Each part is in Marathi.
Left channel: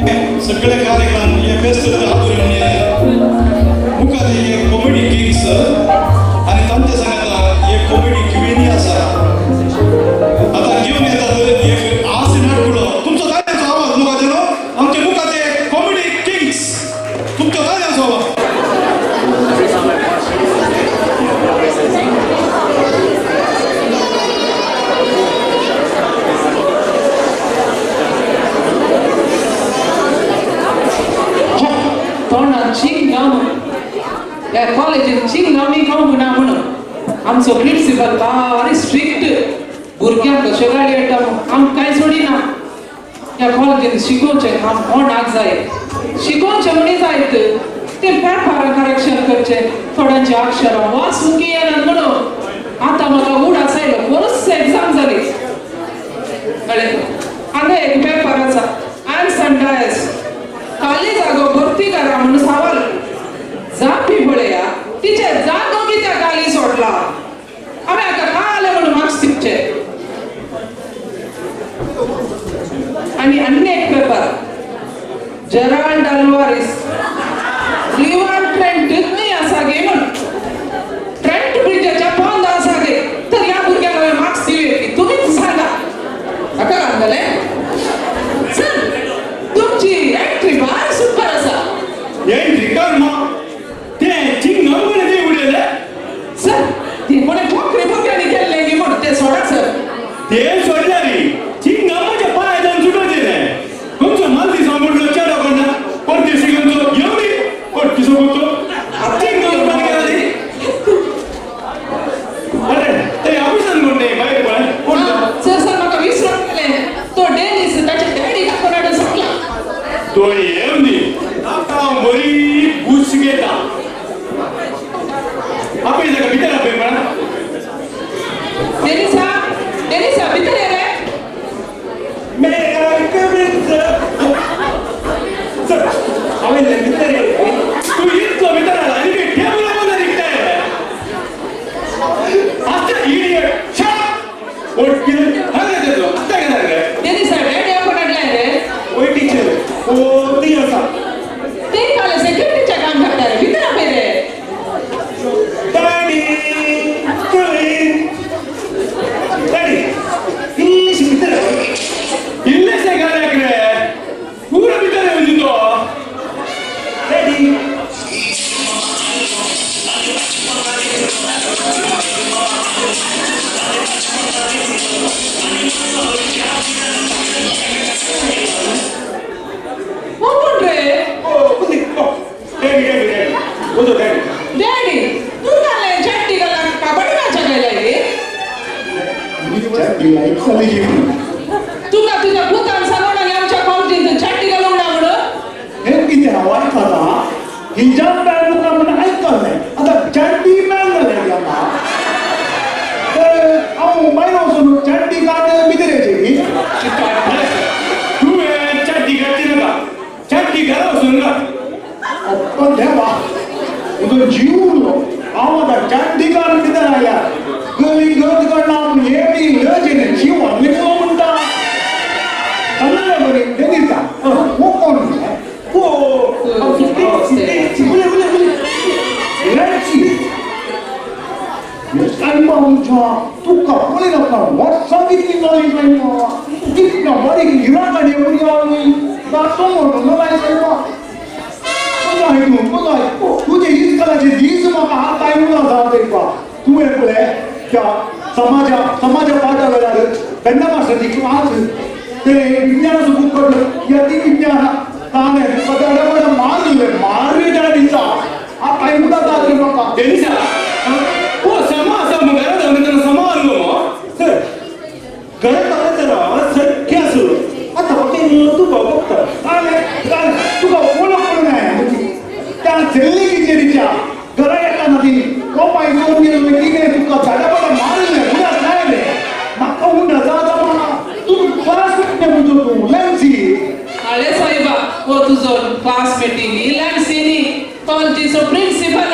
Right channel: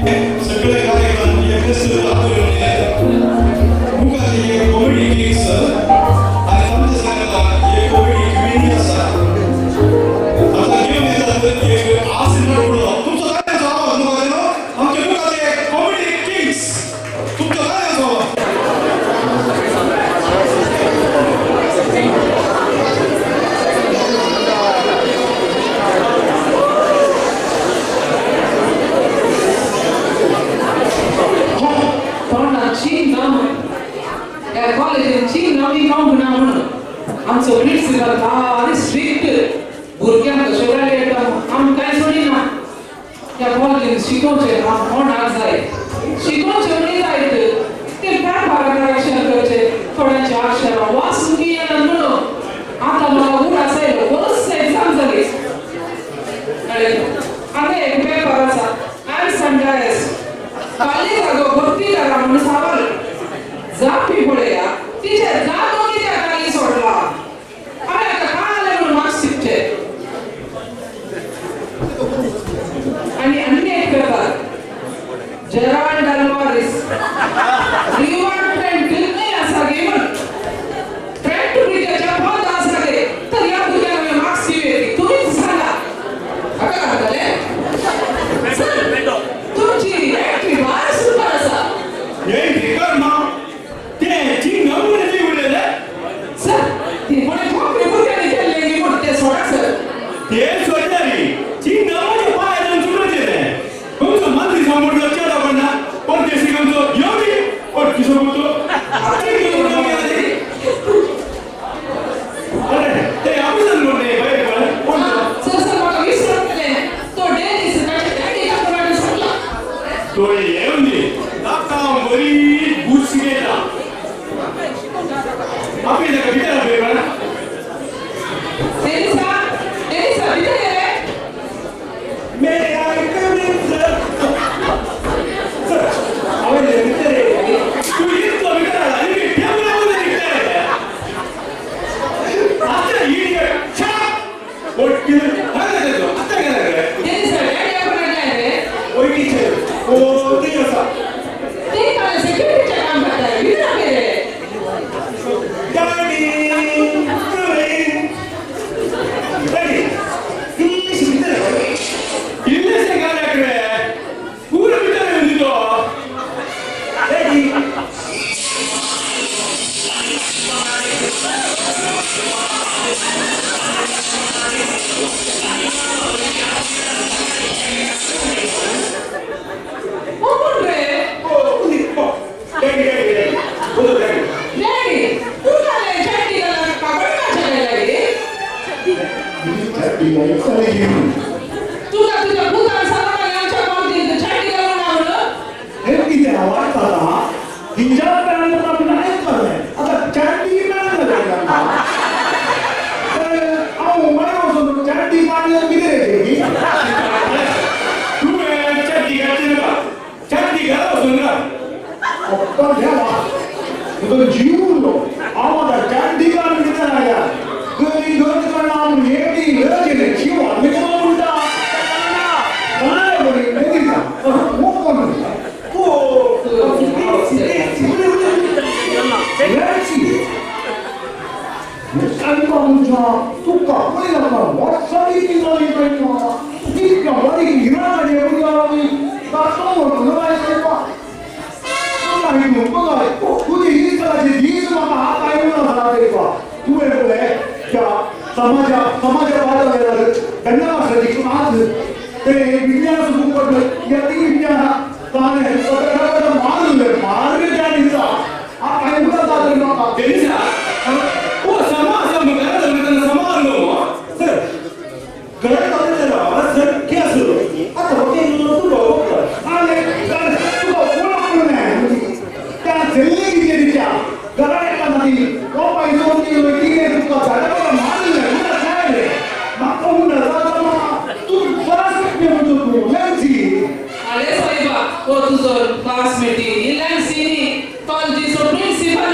सगळे कार्यक्रम हे व्यस्त हातून मुखात हे कॉमेडी किंग्स आणि तांचे सांगता हे कॉमेडी क्वीन आसा आता घेऊन येतात एक आस नाटकुळो तुमचो गाण्याचो आवाज मुखात येलो आमचे मुखाचे कॉमेडी किंग्स तुमचो गाण्याचो आवाज या कॉलेजीन चिंगमी खावंक ना म्हणून आमचो प्रिन्सिपल बारी स्ट्रिक्ट भुरग्यांक कशें गाडी येता आम कांय सोडिना ह्या कॉलेजीन शिकोवचें काम कोणाक जाय शिकोवचें म्हणी जायत ते पेपरां करेक्शन करचें थोड्यांची अक्षरां वाचूंक येनात म्हणून आतां म्हाका उड आसायलो बरोच एग्जाम जाली कळ्ळें आतां एक पेपर आसा आर्ट्स एंड डायस खाली जागो भरती करा म्हणून सवाल जापी पळया तिचे जागो कित्याक खाली सोडला हांवें हाका कळालें म्हणून मार्क्स दिवचे आनी एक paper Gerald Alvarez river Trent नाही आसा गे म्हण ट्रेंट ब्रिजाच्या पोंद आसा गे तर ह्या भुरग्याक हांवें मार्क्स दिवचे तुमीच सांगा हाका घालतले तुमची एंट्री भायर सुपर आसा एंट्री कर ना सर ते कोणे ठोकरे भुरग्यांनी केल्ले गे म्हण ते सोडा सर ते सोडल्यारी चिंग माझ्या पायान सुटो दिले तुमचो मालती सांगून चेडा म्हणा पण ते शिकवतो येवनी पण ती सांगतो चिंग उडा गेली अरे ते ऑफिसर कोण नाही बाहेर पण सर म्हाका विसरून गेले तो डेलीस ताचे डॅडी का कोणाडे सांगला तो येवनी नाका बरी बुश गेला आप इधर का भीतर आप बड़ा डेनिसा भीतर है रे मैं आई कम इन सर हम इधर भीतर है तू इतना भीतर आ रहा है कि क्या बोला दिखता है अच्छा इडियट शट और किधर भाग दे दो आता क्या लग रहा है डेनिसा डैडी आपको डांट रे ओए टीचर ओ नहीं ऐसा तीन काले सिक्योरिटी का काम करता है भीतर आ रे तुका तुझ्या भूतान सांगून आमच्या कॉलेजीत चॅटी घालून आवड हे किती वाटता हिंजा पॅन का म्हणून ऐकले आता चॅटी पॅन झाला आओ मायनो सुनो चॅटी काढ बिदरेचे तू चॅटी काढते ना चॅटी घाला सुन ना पण देवा उधर जीवलो आवाज चॅटी काढ बिदर आया गली गली करना ये भी लजने जीव निकल उंटा कन्नड बरी देगिता वो कौन है वो आमच्या तुका पळयला का व्हॉट्सअप किती नाली पळयला किती का बरी गिराका देवली आली दाखव म्हणून नाही सांगवा तुझे इस्कालाचे दीस म्हाका हात आयला जाते का तू एकले क्या समाजा पाठा वेळार बेन्ना मास्टर क्लास ते विज्ञान बुक करलो या ती विज्ञान ताने पदाडा मारले डाडीचा आ काय मुला दादरी नका डेनिसा ओ समाज मगर दंगन समालो सर घर ताने तर सर क्या सुरू आता होते तू बघतो आले तू बोललो नाही त्या जेल्ले की जेरीच्या घरा येता नाही तो पाहिजे गेलो की तुका झाडा मारले उडा नाही माका उडा जाता मामा तू क्लासमेट ने बुजो तू लॅन्सी अरे साहेबा वो तुझो क्लासमेट लॅन्सीनी कॉलेजीचो प्रिन्सिपल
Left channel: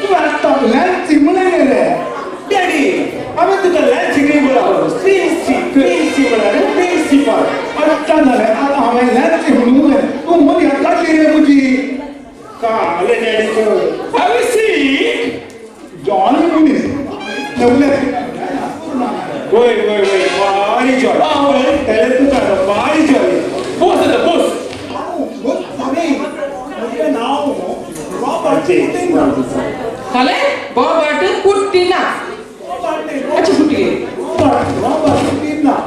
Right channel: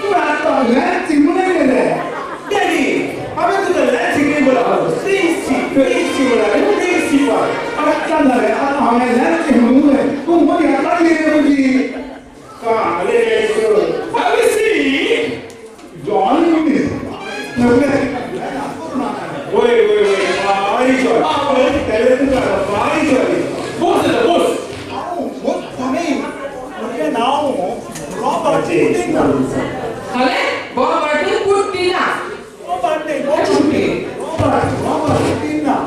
तू आता लॅन्सी म्हणे रे डॅडी आम्ही तुका लॅन्सी नाही बोला प्रिन्सिपल आता झाले हांवें लॅन्स म्हणून तूं मदीं हाडटाली रे म्हजी काले जायचं have a seat जॉनी मनीस नवले wait भारी जॉय त्याला तू काय भारी जॉय बोस आहे बोस म्हजें नांव रॉबर्ट पुटिना खाले बाबाटू कुट्टिना रॉबर्ट न्ही अच्छी कुट्टी रॉबर्ट पुटिना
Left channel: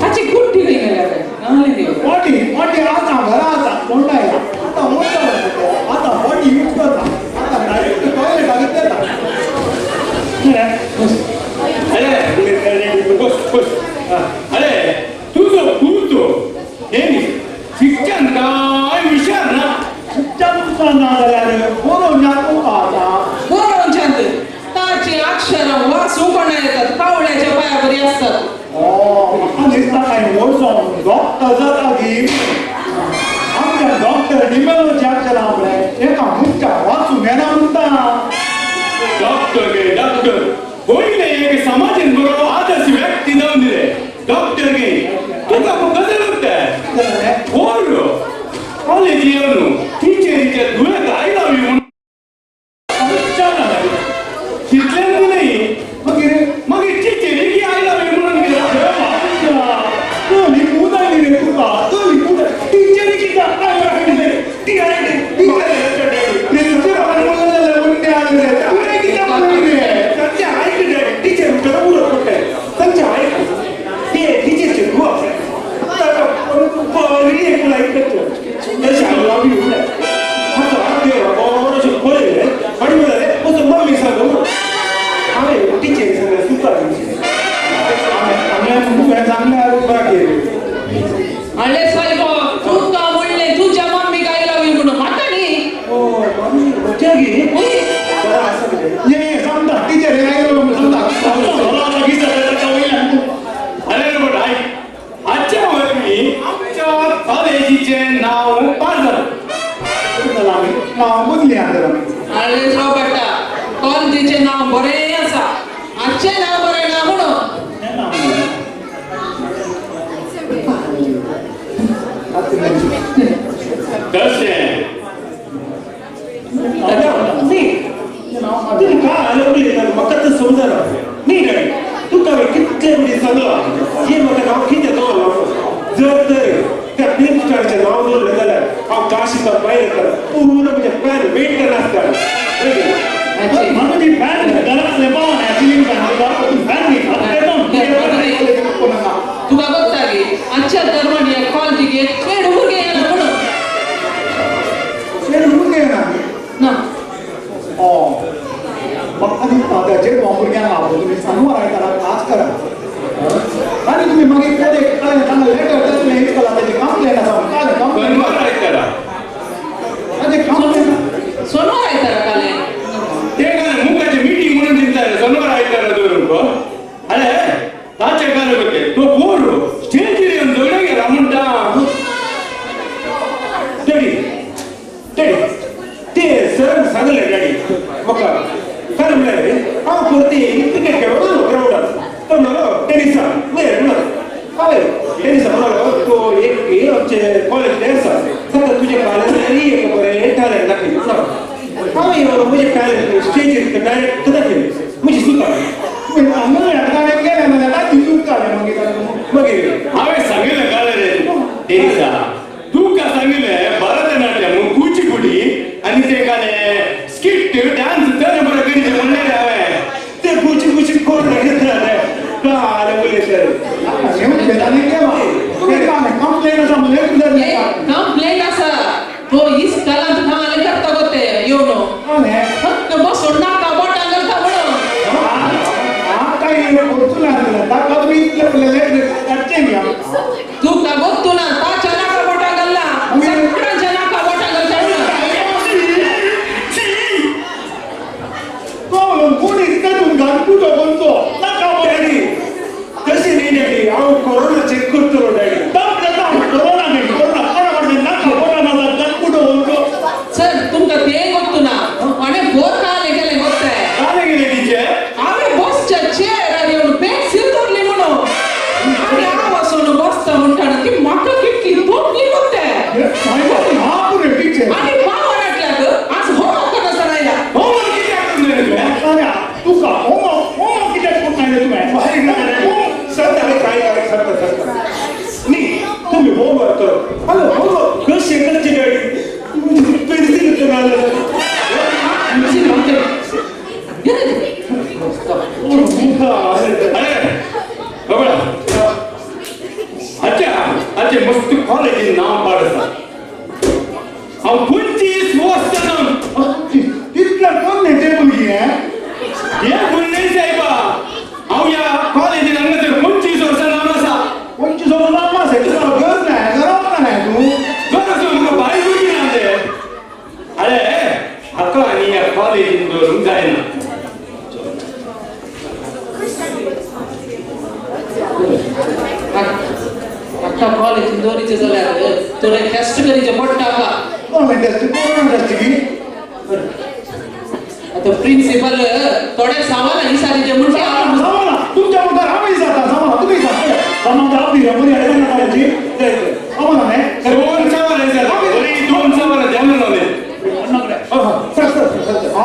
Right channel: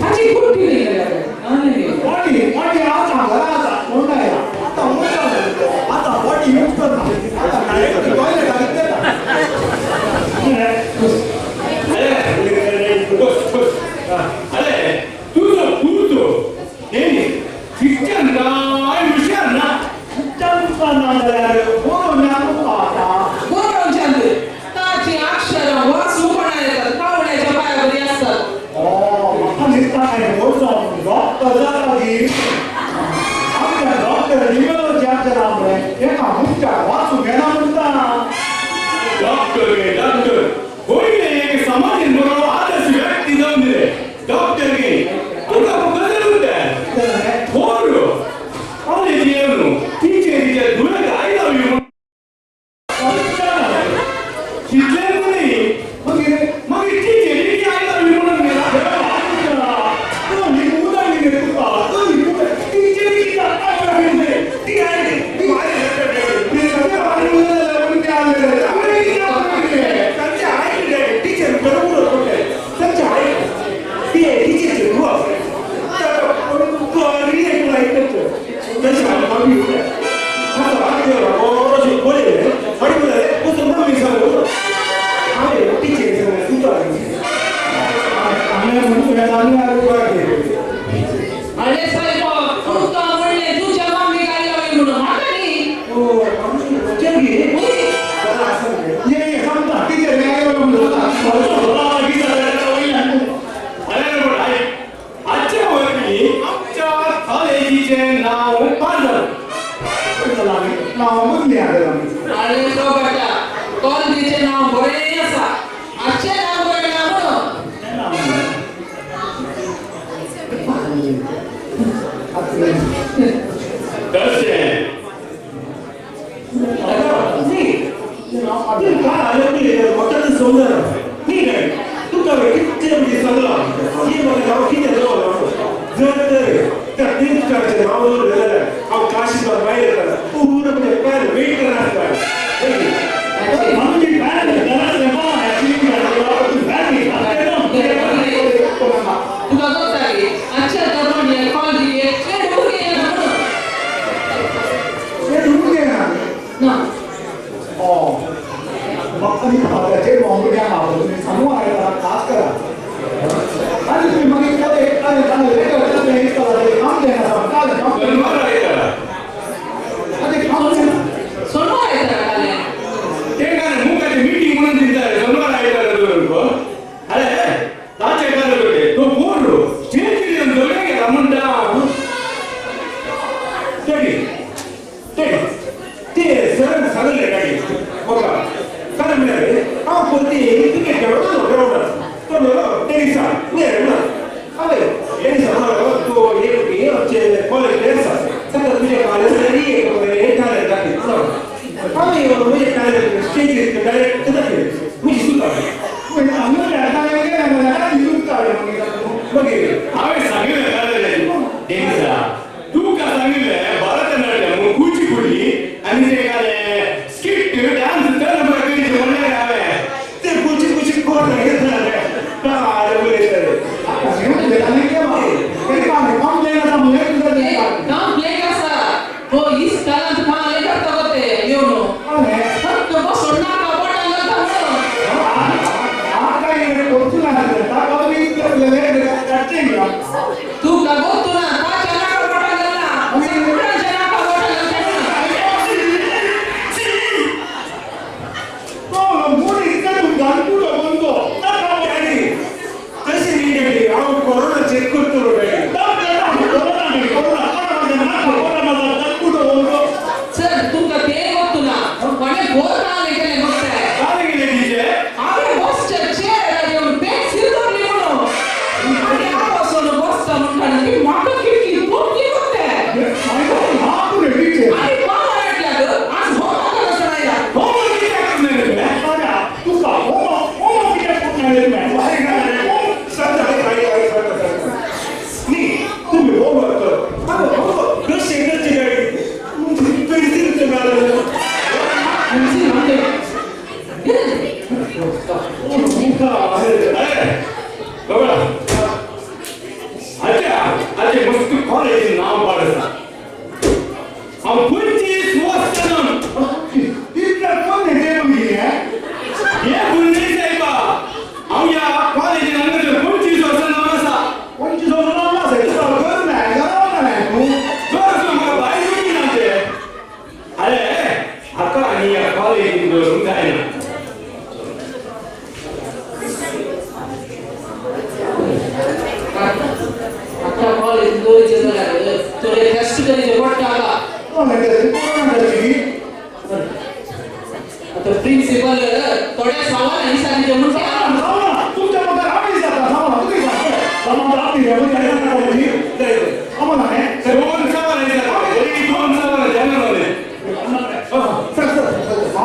अच्छी कुट्टी नाही गेला नाले बॉडी आता घरा आता कोणता आता मोठा आता बॉडी यूज करता आता डायरेक्ट टॉयलेट घेतला बोस अरे तुझं पुरतो नेहमी शिक्षण काय विचार ना चंपा नाल्यार बरो नाको आता बरोबर छंद ताची अक्षरं वाचू पण येतात कावळ्याच्या पायावरी असतात म्हाका दिसता काय व्हडलो डॉक्टर जाता की आमच्या डॉक्टर निमेलोचे अक्षर आमले एका मुख्या वाचूंक येना म्हणटा डॉक्टर होईल एक समाजन बरोबर आदर्श व्यक्ती जाऊन दिले डॉक्टर गे तुका कसं होतं बोल कॉलेज येऊन टीचरीच्या दुयेत आयला म्हणून शिकले नाही मग टीचरी बी आयला म्हणून अरे साहेब तू का म्हणले तुझ्या मम्मी काय लावी म्हणून माका नी आजच्या वर्षी आमच्या कॉलेजीचे नाव पाजल नाव बदली आले अरे बाटा कॉलेजीचे नाव बरे असा आजचे नाव बरे ना म्हणून कसे काय आलं म्हाका तर समजना न्ही रे तुका कितले बरी सांगला हे म्हाका नांव कितें दवरलो जर तर त्या प्रिंसिपलाचें नांव दवरलें जाल्यार हांव काशीकर भायर येतां पूर्ण म्हणजे पॅन वेट करनासता म्हणून बॅन घरातले तुका बघता की आजच्या दरम्यान कॉलेजीक खेळ भुरगे येना म्हणून ना म्हाका दिसता त्याचे भुरग्यांक आपलो तुमी सांगू आयतारा खास करा आनी तुमी मागीर कदें लेटर हेच करा तेजे कंप्लेन आसा बरोबर आहे त्याला तेजे कंप्लेन सोनवार येतारा काले ते काय मुखाची मीटिंग म्हणून दिसताय शनिवार आयतारा धरून अरे ताचे काय होते तो पोर स्टेज येऊन जोडे गेला तुम्ही हो म्हणतो मला हो कशी कच्ची गाडी पेन्सिल तुम्हाला मुझे मानते अरे बघा अच्छा मस्त कॉलेज नाव पाडसा हम 25 वर्ष इतकं कोण नेते मुलगी आहे ये बोलणे साहेबा हम या कॉलेज नंतर 25 वर्ष नाव असा 25 वर्ष नाव असेल तुला घर नाही घरावर नाही तू जोर मग बाई होती ना ते अरे अक्का आणि या कॉलेज वरून जायना अख्खा कॉलेज दोरीचे झाले तुला टेस्ट करीचे पोट टाका कोण माहिती असते कोरोना असते की आता प्रिन्सिपल थोडे सवाल आणि सारीचे म्हणजे सामाना तुमच्या मग आम्ही जाता सामाना तुम्ही जा सामान आपली मुली आहे ना काढायची सामाना नाही दोन सवाल आहे सर दोन सवाल द्यायला लावले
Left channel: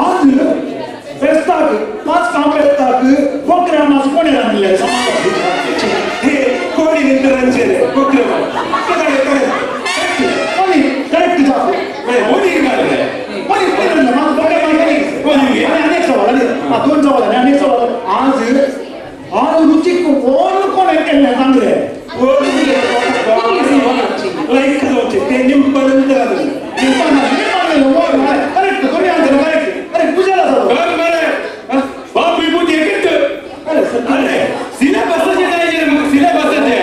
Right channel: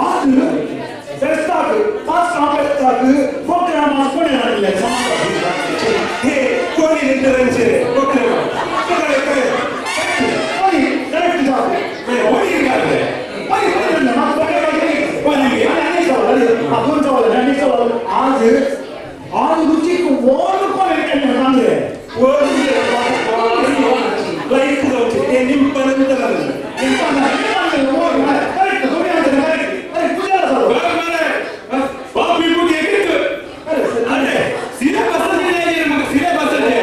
आज बेस्ताक पाच काम बेस्ताक प्रोग्राम आज कोणी आणले हे कोऑर्डिनेटरांचे प्रोग्राम कोणी करेक्ट जा कोणी काढले कोणी कोणी माझं बघा कोणी अनेक सवाल दोन सवाल अनेक सवाल आज रुचिक कोण कोण केले चांगले लाईक जाऊचे ते निंपर्यंत आलं करेक्ट तुम्ही आणलं अरे पूजाला जातो बाप विभूती एकच अरे सिलेबसचे नाही सिलेबसचे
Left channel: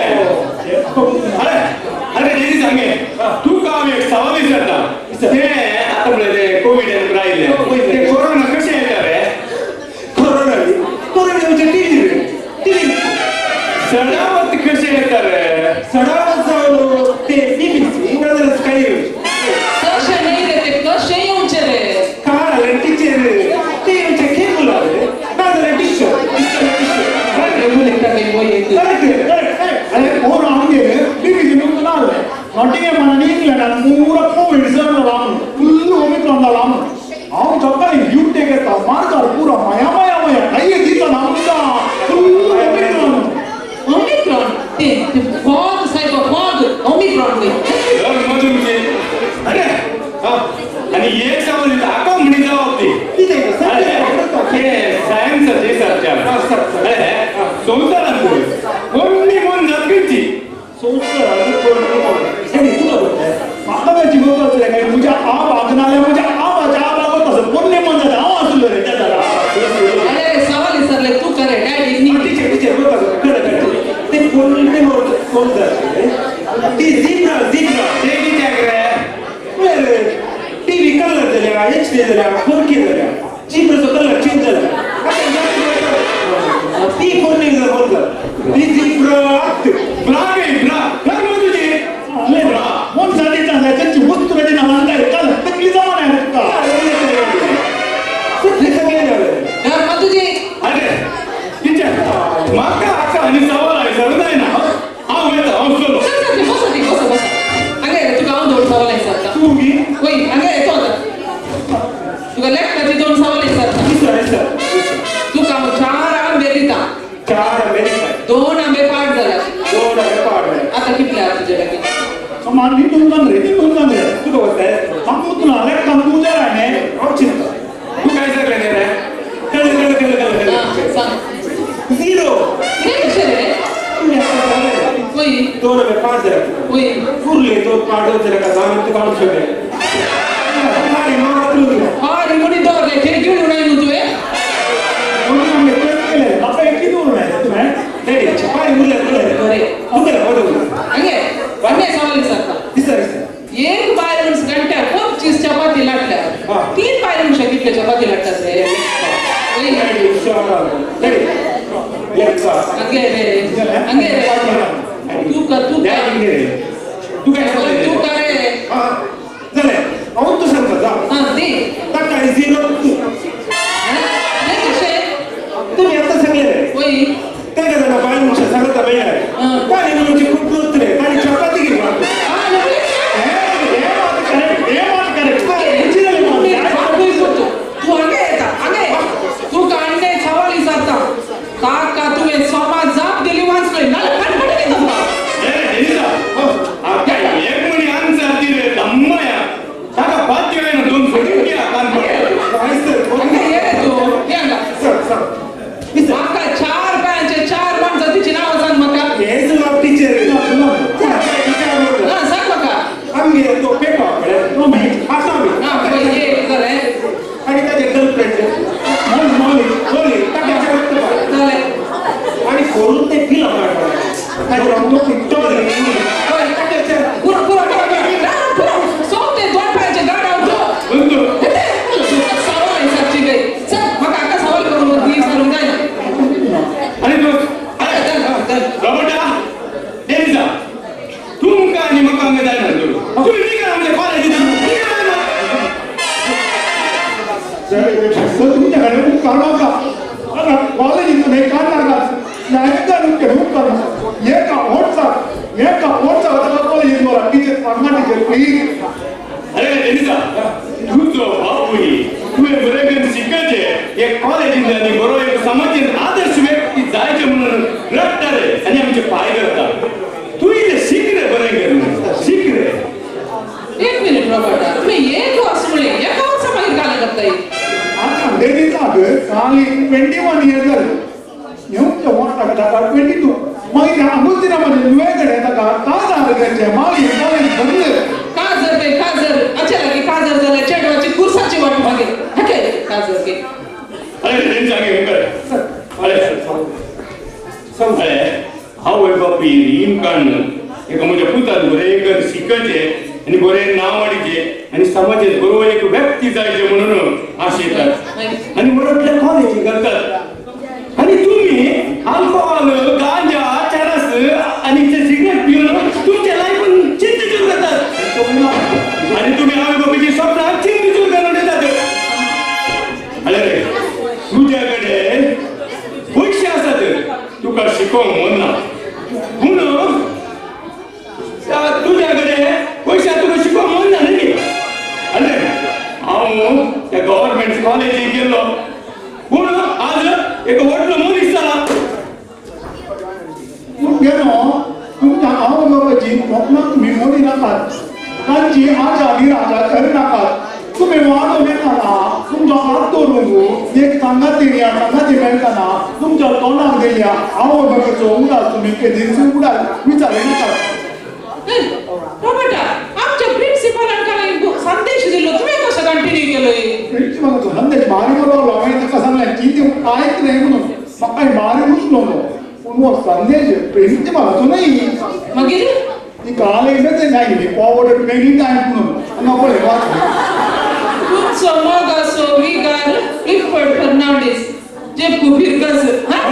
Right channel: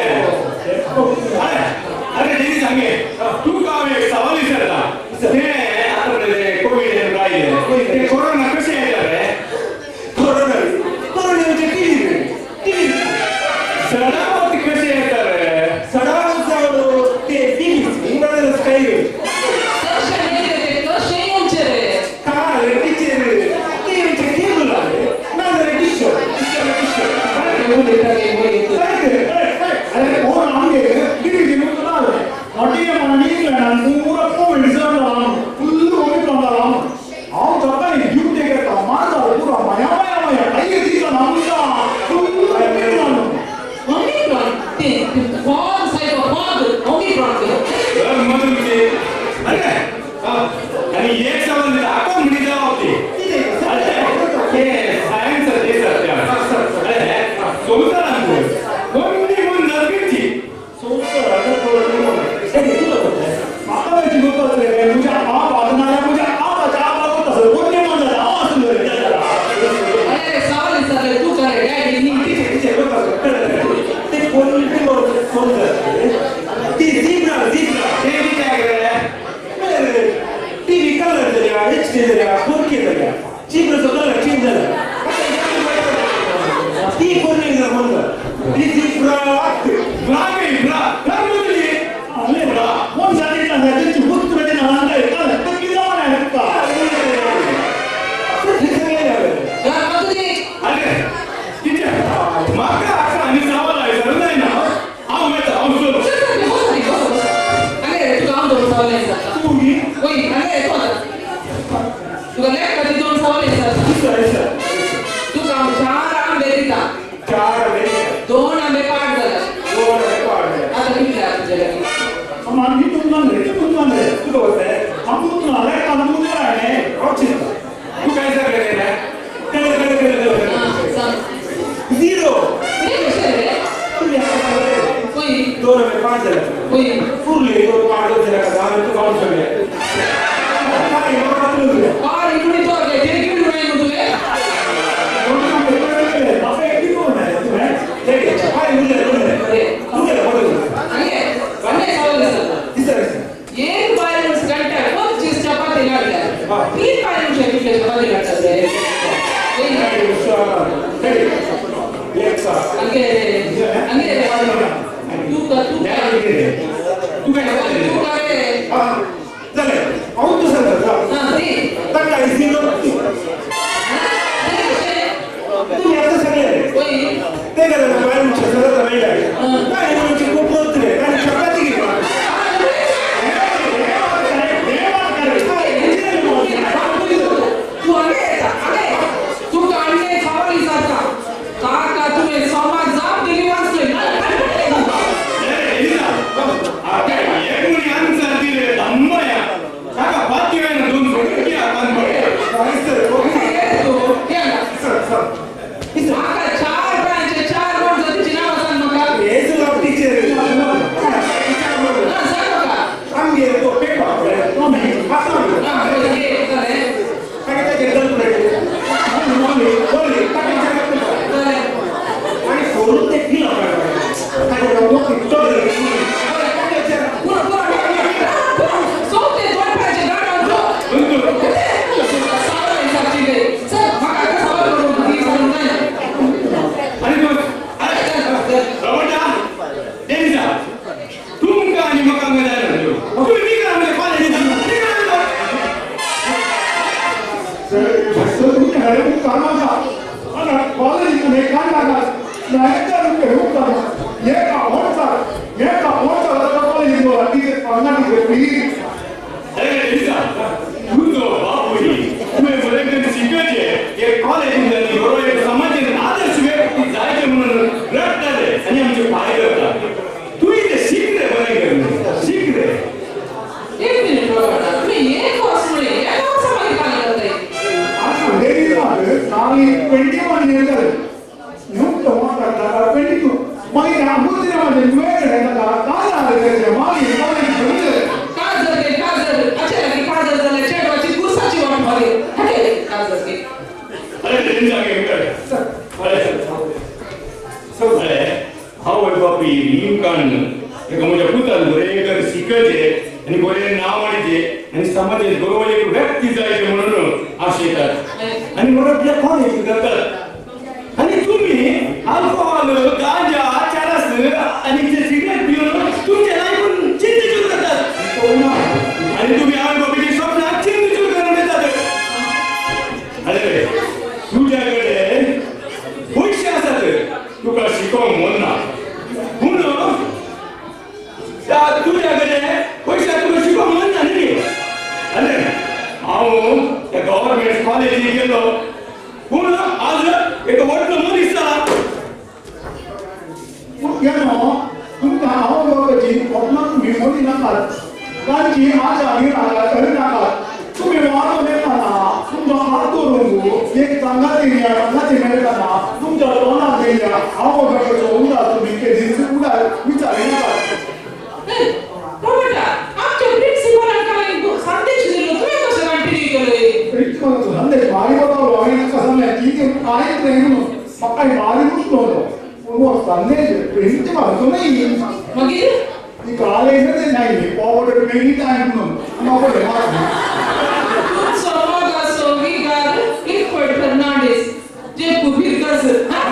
अरे अरे नेहमी सांगे तू काम एक सवाल विचारता ते आता कोविड राहिले ते कोरोना कसे येणार रे कोरोना म्हणजे टीव्ही सडावत कसे येतात रे सडाव ते टीव्ही नादरच काही कसे नाही रे ते कसे येऊनचे रे काय टीचर टीव्हीचे केबल आले नादर टीचर बोले टाके बोल येतो अरे कोण आमगे बीबी नु नाल नॉटिंग मन नीकला पूरा कोविड जण लाम फुल ओमिक्रॉन लाम आउ चक्कर ड्यूटी के तो मारदार पूरा माया काही दिका नामचा फुल ओमिक्रॉन ते फॉग साहेब फॉग ओमिक्रॉन ते मधून अरे आणि एक सवाल दाखव म्हणे जबाब ते हे सायन्स ते सर अरे संसार कोणी कोण जात करती माकाची गोष्ट असले काय तुझ्या आप आगनाल्या म्हणजे आबाच्या आबावत असं कोणी म्हणतात आवाज सुंदर आहे त्याला अरे सवाल विचारले तू करे डॅडी नी ते कोण ती झिब्रा ते किती आहे टीव्ही कलर झाल्या HD झाल्या 4K झाल्या झिब्राचा कलर चेंज झाला ती कोण नाही म्हणलं ती झिब्रा ब्राग आहे ब्रा मध्ये कोण साठी त्यांची वस्तू त्याची नाव काय काल तकली जमान आहे का तर मधुजी अरे तिच्या माका अक्का आणि सवाल आहे सर नाही ना हा मी चलो बस अगे तू गाव दोन सवाल आहे सर तू मी वही अगे तो आता तू लेफ्ट कधी दोन सवाल आहे सर तू काम चार आंबे दिता 4 अमेरिका दोन आंबे पाठ झाला 2 रेकॉर्ड आता किती आहे तुझे लगे समान मी तुमचा रे ते तुमचा रे तू बोलताय हम तू ना लाईक काम तू जरा आहे आमची तू काय सांगले रे कळ सांग 0 हे कसे रे वही 2 रुपये 5 झाले वही पुरले तो पाडव जरा का जाणं तू काढू शकले आणि मग आपलं और मुनी तो ले ते घेऊन नाही होतोय कोणता मी केले आता एक दोन आहे तुम्ही रेडी छपाई मुले बरे मुले बोलू अगे वन्ने सवाल विचारता तिसरं एक बायरूस घंटा खूप चीज चपाती लाटल्या तीन बायरूस कितले चपाती लाटतात रे वही रेडी शोर रेडी लेट्स अंगे रे तू का तू काय तू सांगले करे हां शिकचे आणि बरे नाव वाडीचे आणि समाजात बरोबर एक व्यक्ती जायचे म्हणून आशेतात आणि म्हणून कॉलेज करतात आणि तुम्ही अल्कोहोल गांजा चरस आणि सिगरेट पिऊन तुमच्या लाईफ चिंतेचूर करतात आणि तुम्ही आई बाबाची स्वप्न चिंतेचूर करून येतात. अरे रे तुझ्याकडे पैसे असतात तुका शिकव म्हणणार म्हणून तुझ्याकडे पैसे तुका शिकव म्हणणार नाही. अरे हांव त्या गव्हर्नमेंट कॉलेजीक गेलो पूण आज एक व्हडलो मनीस जाला. गेलो तुमच्या आवय बाबाची स्वप्नांक मिळवली नाकात तांची आशा निराशा करिनाकात. तुम्ही वाडो मेळटाना तुमचो हात धरून एक सांगाती या सांगाती मेळटाना तुमच्या तोंडाक दिल्या आवय बाबाचो उदास तुम्ही केदींच उडाक विचारले नाकात. रॉबर्टा, आमच्या प्रिन्सिपलांका एक संदेश दिलो तुम्ही कसं कंटिन्यू केलंय? प्रिन्सिपलाचो संदेश भारी बरोवलो. हांवें ताका सांगलें कितें कांयच नाही म्हणून म्हाका भारी उचललो पूण हो संदेश प्रिन्सिपलाचो न्हय. मागीर ती काल येयलें नाही फॉरवर्ड मेनी टायम म्हणून म्हाका हे वाचलें. तुमचो मोगाचो विगार इफर्ट फर्नांडीस जे बुबिरकास हा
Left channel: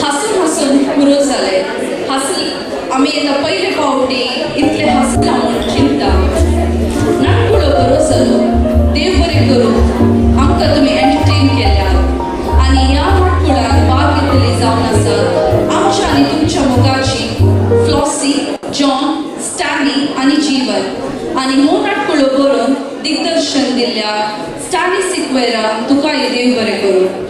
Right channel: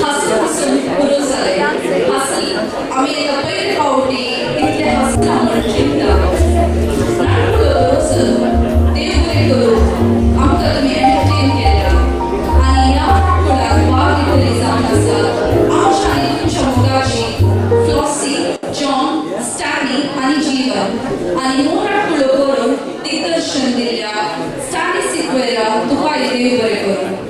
हसून हसून पुरो जाले. हसली आमी येता पयले फावटी इतले हसला म्हूण चिंता. नाटकुळो बरो जालो. देव बरें करूं आमकां तुमी एंटरटेन केल्या आनी ह्या नाटकुळाक भाग घेतली जावन आसात आमच्या आनी तुमच्या मोगाची फ्लॉसी, जॉन, स्टॅनी आनी जीवन आनी हो नाटकुळो करून दिग्दर्शन दिल्ल्या स्टॅनी सिक्वेरा तुकाय देव बरें करूं.